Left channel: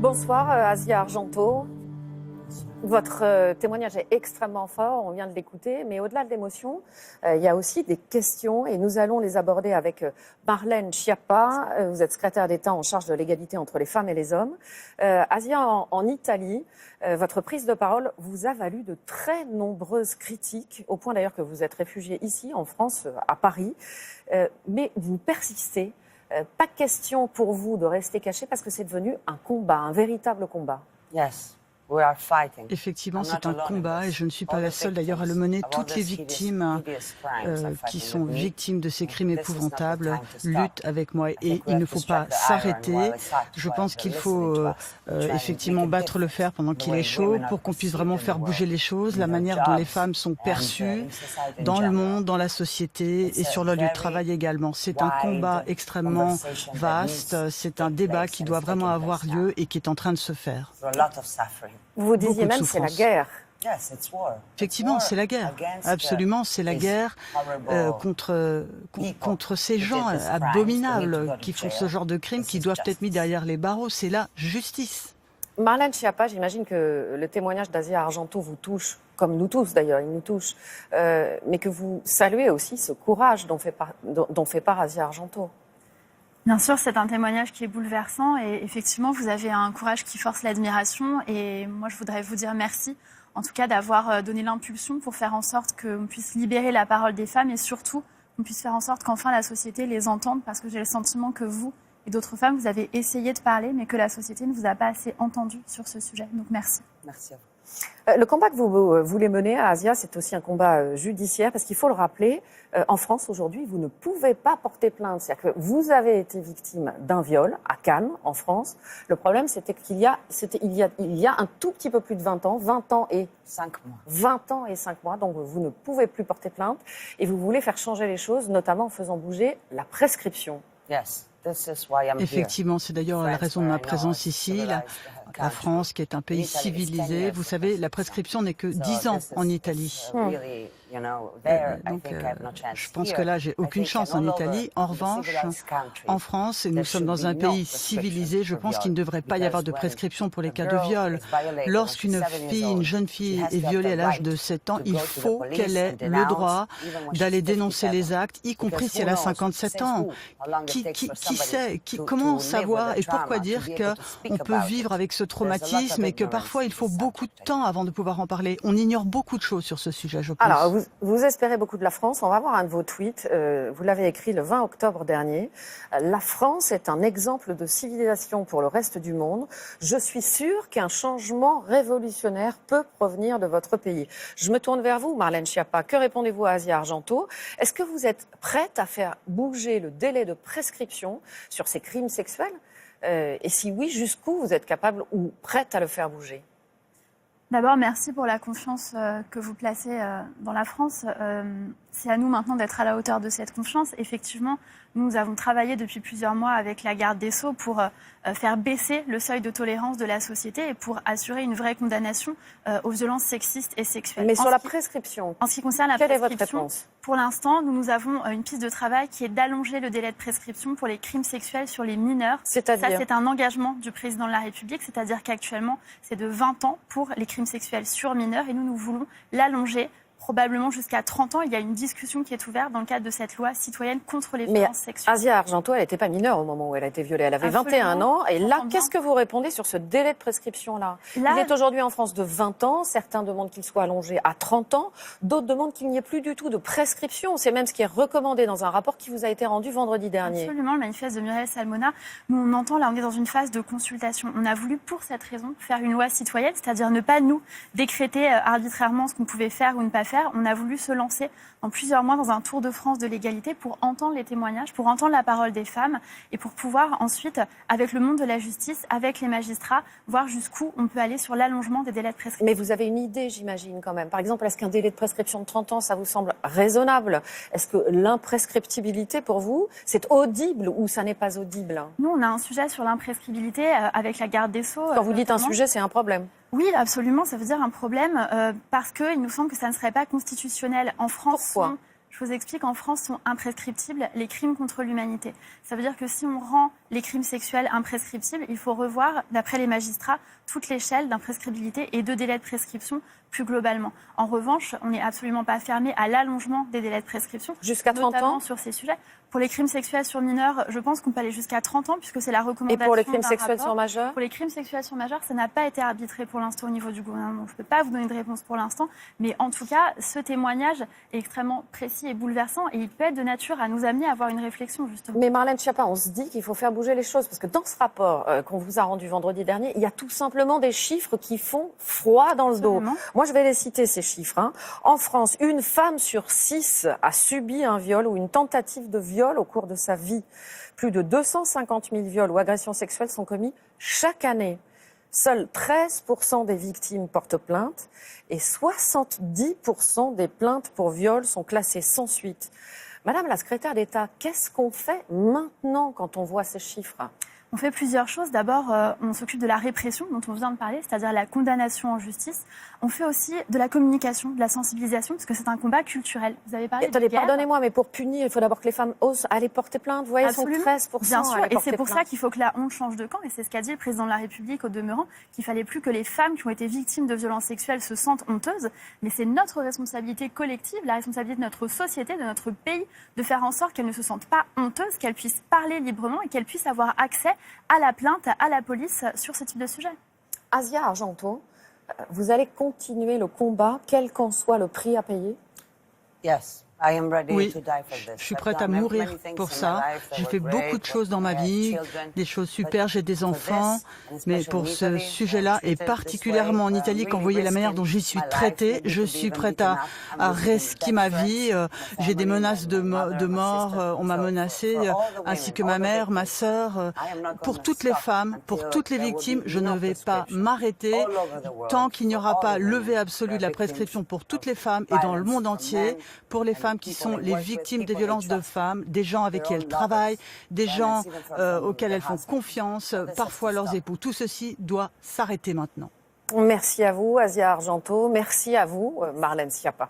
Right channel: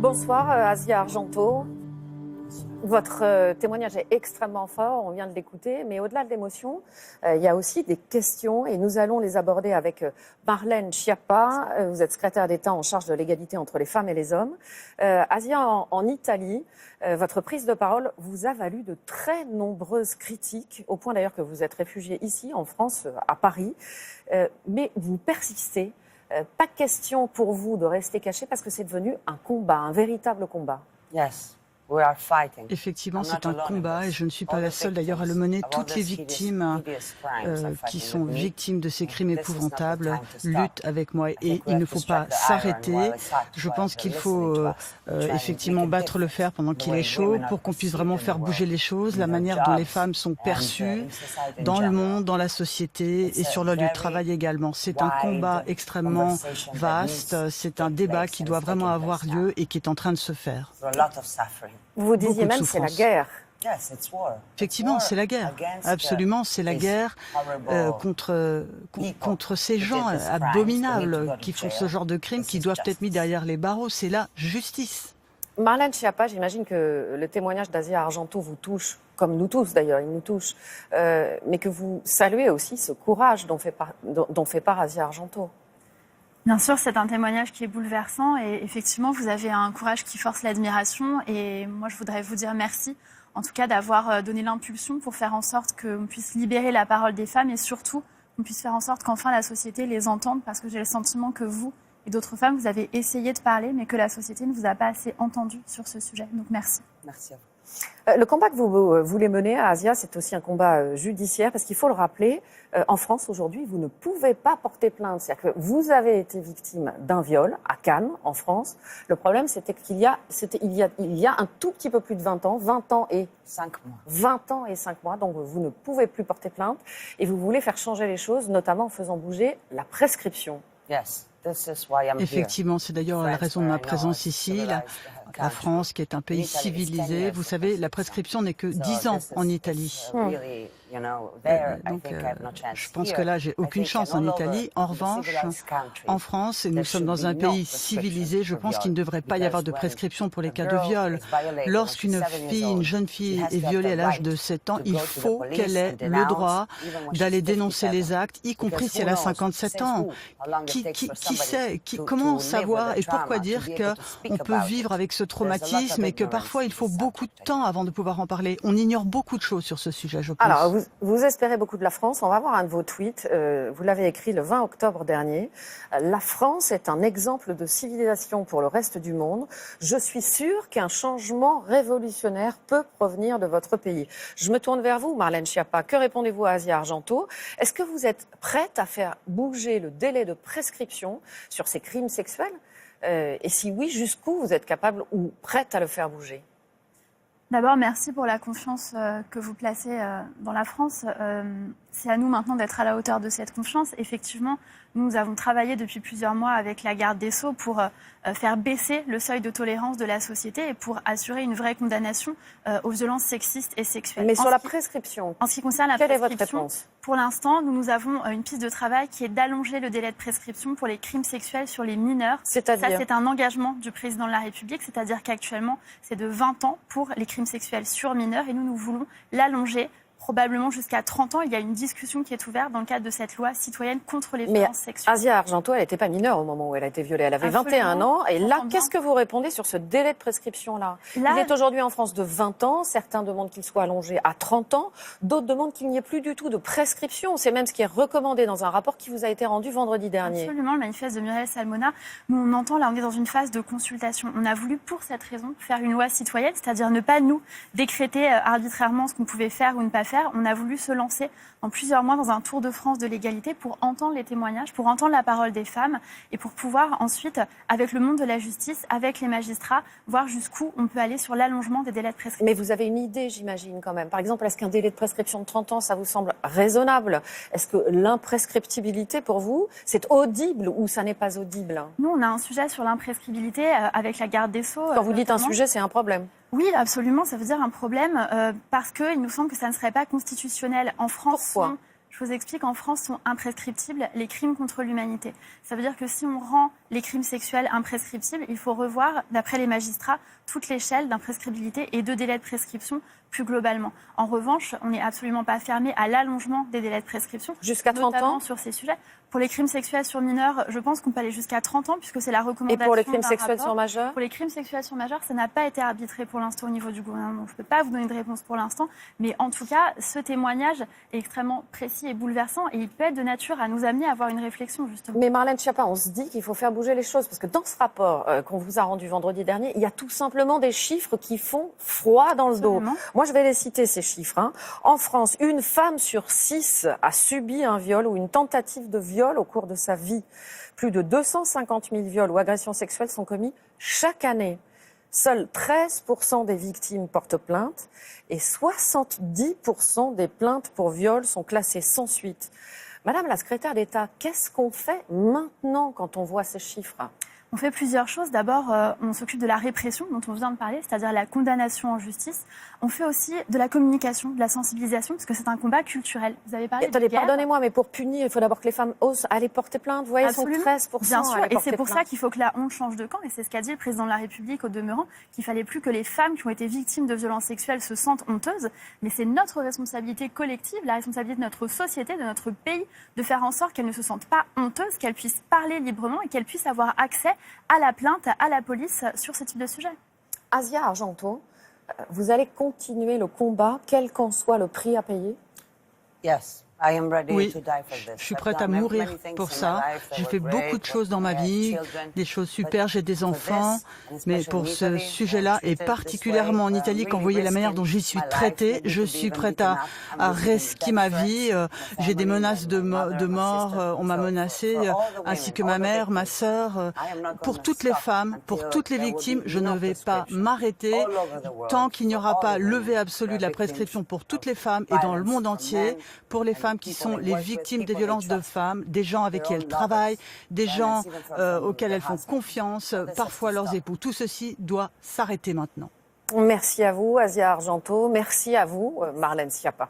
Bonsoir, Asia Argento. Votre témoignage est extrêmement fort, on vient de l'écouter, mais au-delà de l'émotion, il y a aussi des questions et nous allons les aborder avec Marlène Schiappa. Vous êtes secrétaire d'État en charge de l'égalité entre les femmes et les hommes. Asia, en Italie, votre prise de parole vous a valu de très nombreuses critiques, au point d'ailleurs que vous êtes réfugiée ici, en France, à Paris, mais vous persistez. Pas question pour vous de rester caché parce que c'est devenu un combat, un véritable combat. Yes. We are fighting. Effectivement, c'est un combat et je ne suis pas la seule d'ailleurs à le mener. Toutes les victimes qui sont victimes de ces crimes épouvantables luttent avec moi et il ne faut pas s'arrêter. Je pense qu'il faut effectivement battre le fer pendant qu'il est chaud pour qu'on puisse vraiment faire bouger les choses, la manière dont les femmes sont perçues dans le monde, dans la société et sur leur lieu de travail également. C'est un combat extrêmement vaste, c'est un débat qui doit vraiment avoir lieu et qui est en train de se faire. Vous disiez même c'est la guerre. Effectivement, c'est la guerre. Absolument, c'est la guerre contre ces gens abominables qui font ce genre de crimes, qui doivent être mis derrière les barreaux. C'est la justice. Marlène Schiappa, j'imagine que le témoignage d'Asia Argento vous touche, comme nous tous d'ailleurs, il nous touche, mais que vous saluez aussi ce courage dont fait part Asia Argento. Bien sûr, c'est un témoignage qui est bouleversant et effectivement, vous avez un courage qui force l'admiration et moi, je voudrais vous dire merci, en tout cas, d'avoir donné l'impulsion pour faire en sorte qu'on puisse libérer la parole des femmes et surtout qu'on puisse faire en sorte qu'enfin la société les entende parce que j'ai le sentiment que vous et d'autres femmes, vous avez essayé de parler mais que la société ne vous a pas assez entendu sur ce sujet. Donc, merci. Merci à vous. Le combat que vous voulez mener à Asia, c'est aussi un combat judiciaire parce qu'il faut le rappeler, en France aujourd'hui, vous ne pouvez pas porter plainte. C'est-à-dire que vous avez été victime d'un viol à Cannes, en France. Le problème, c'était qu'il y a un tout petit peu plus de 20 ans et 5 mois. 20 ans et 5 mois, donc vous ne pouvez plus porter plainte et vous voulez faire changer les choses, notamment en faisant bouger la prescription. Yes. Effectivement, c'est d'ailleurs la raison de ma présence ici. La France, qui est un pays civilisé, vous savez, la prescription n'est que 10 ans en Italie. Donc, je pense que là, j'ai aucune chance en Italie. En revanche, en France, et nous sommes dans un pays civilisé, je pense qu'il ne devrait pas y avoir de prescription pour les cas de viol. Lorsqu'une jeune fille est violée à l'âge de 7 ans, il faut qu'elle ait le droit d'aller dénoncer les actes, y compris si elle a 57 ans. Qui sait, comment savoir et pourquoi dire qu'on peut vivre avec ce traumatisme et que parfois il faut beaucoup de temps avant de pouvoir en parler. On ignore beaucoup de choses sur ce sujet, je pense. Alors, vous espérez beaucoup de la France. On va voir un de vos tweets. Vous l'avez écrit le 20 octobre dernier. La France est un exemple de civilisation pour le reste du monde. Je suis sûre qu'un changement révolutionnaire peut provenir de votre pays. Je me tourne vers vous, Marlène Schiappa. Que répondez-vous à Asia Argento? Est-ce que vous êtes prête à faire bouger le délai de prescription sur ces crimes sexuels? Et si oui, jusqu'où vous êtes capable ou prête à le faire bouger? D'abord, merci pour la confiance que vous placez dans la France. C'est à nous maintenant d'être à la hauteur de cette confiance. Effectivement, nous avons travaillé depuis plusieurs mois avec la garde des Sceaux pour faire baisser le seuil de tolérance de la société et pour assurer une vraie condamnation aux violences sexistes et sexuelles. Mais sur la prescription, en ce qui concerne la quelle est votre prescription, réponse? Pour l'instant, nous avons une piste de travail qui est d'allonger le délai de prescription pour les crimes sexuels sur les mineurs. C'est-à-dire ? Ça, c'est un engagement du président de la République, c'est-à-dire qu'actuellement, c'est de 20 ans pour les crimes sexuels sur mineurs et nous voulons l'allonger probablement jusqu'à 30 ans. Il y a une discussion qui est ouverte dans le cadre de cette loi citoyenne contre les violences sexuelles. Asia Argento, elle n'était pas mineure au moment où elle a été violée. Elle avait 21 ans. Et là, qu'est-ce que vous répondez sur ce délai de prescription-là? Il est aujourd'hui en France de 20 ans. Certains demandent qu'il soit allongé à 30 ans. D'autres demandent qu'il n'y ait plus du tout de prescription. C'est même ce qui est recommandé dans un rapport qui vous a été rendu vendredi dernier. Absolument, le manifeste de Muriel Salmona. Nous, on entend, là, on est dans une phase de consultation. On a voulu, pour cette raison, faire une loi citoyenne, c'est-à-dire ne pas nous décréter arbitrairement ce qu'on pouvait faire ou ne pas faire. On a voulu se lancer en plusieurs mois dans un tour de France de l'égalité pour entendre les témoignages, pour entendre la parole des femmes et pour pouvoir ensuite, avec le monde de la justice, avec les magistrats, voir jusqu'où on peut aller sur l'allongement des délais de prescription. Mais vous avez une idée, j'imagine, quand même. Par exemple, est-ce qu'un délai de prescription de 30 ans, ça vous semble raisonnable? Est-ce que l'imprescriptibilité, pour vous, c'est audible ou ça n'est pas audible? Nous, on a un sujet sur l'imprescriptibilité avec la garde des Sceaux. Quand vous dites un sujet, c'est un problème? Oui, absolument, ça veut dire un problème parce qu'il nous semble que ça ne serait pas constitutionnel. En France, je vous explique, en France sont imprescriptibles les crimes contre l'humanité. Ça veut dire que si on rend les crimes sexuels imprescriptibles, il faut revoir, d'après les magistrats, toute l'échelle d'imprescriptibilité et de délai de prescription plus globalement. En revanche, on n'est absolument pas fermé à l'allongement des délais de prescription. Jusqu'à 30 ans sur ces sujets. Pour les crimes sexuels sur mineurs, je pense qu'on peut aller jusqu'à 30 ans, puisque c'est la recommandation. Et pour les crimes sexuels sur majeurs? Pour les crimes sexuels sur majeurs, ça n'a pas été arbitré pour l'instant au niveau du gouvernement. Je ne peux pas vous donner de réponse pour l'instant, mais en tout cas, ce témoignage est extrêmement précis et bouleversant, et il peut être de nature à nous amener à avoir une réflexion, justement. Mais Marlène Schiappa, on se dit qu'il faut faire bouger les choses, parce que dans ce rapport qu'on vous a rendu vendredi dernier, il y a tout simplement des chiffres qui font froid dans le dos. Moi, je vais les citer, ces chiffres. En France, une femme sur 6 a subi un viol ou une tentative de viol au cours de sa vie. Plus de 250 000 viols ou agressions sexuelles sont commis chaque année. Seuls 13% des victimes portent plainte et 70% des plaintes pour viol sont classées sans suite. Madame la secrétaire d'État, qu'est-ce qu'on fait maintenant quand on voit ces chiffres ? On fait plusieurs choses. D'abord, on s'occupe de la répression dont on vient de parler, c'est-à-dire la condamnation en justice. On fait aussi de la communication, de la sensibilisation, parce que c'est un combat culturel. Vous avez parlé de guerre. Pardonnez-moi, mais pour punir, il faut d'abord que les femmes osent aller porter plainte. Vous voyez, elles sont 13%. Bien sûr, et c'est pour ça qu'il faut que la honte change de camp. Et c'est ce qu'a dit le président de la République au demeurant, qu'il fallait plus que les femmes qui ont été victimes de violences sexuelles se sentent honteuses. Mais c'est notre responsabilité collective, la responsabilité de notre société, de notre pays, de faire en sorte qu'elles ne se sentent pas honteuses, qu'elles puissent parler librement et qu'elles puissent avoir accès à la plainte, à la police sur ce type de sujet. Asia Argento, vous allez continuer le combat, quel qu'en soit le prix à payer? Oui, je suis prête à mourir pour ça. J'ai fait beaucoup de choses dans ma vie, des choses super, j'ai des enfants, mais pour ce sujet-là, et particulièrement en Italie, quand vous voyez la manière dont j'y suis traitée, je suis prête à risquer ma vie. J'ai des menaces de mort, on m'a menacée, ainsi que ma mère, ma sœur. Pour toutes les femmes, pour toutes les victimes, je ne vais pas m'arrêter tant qu'il n'y aura pas levé absolu de la prescription pour toutes les femmes et dans le monde entier, pour les femmes qui sont les victimes des violences de femmes, des gens avec qui elles travaillent, des gens auxquels elles font confiance, parfois leurs époux. Tout ceci doit s'arrêter maintenant. Merci à vous, Asia Argento. Merci à vous, Marlène Schiappa.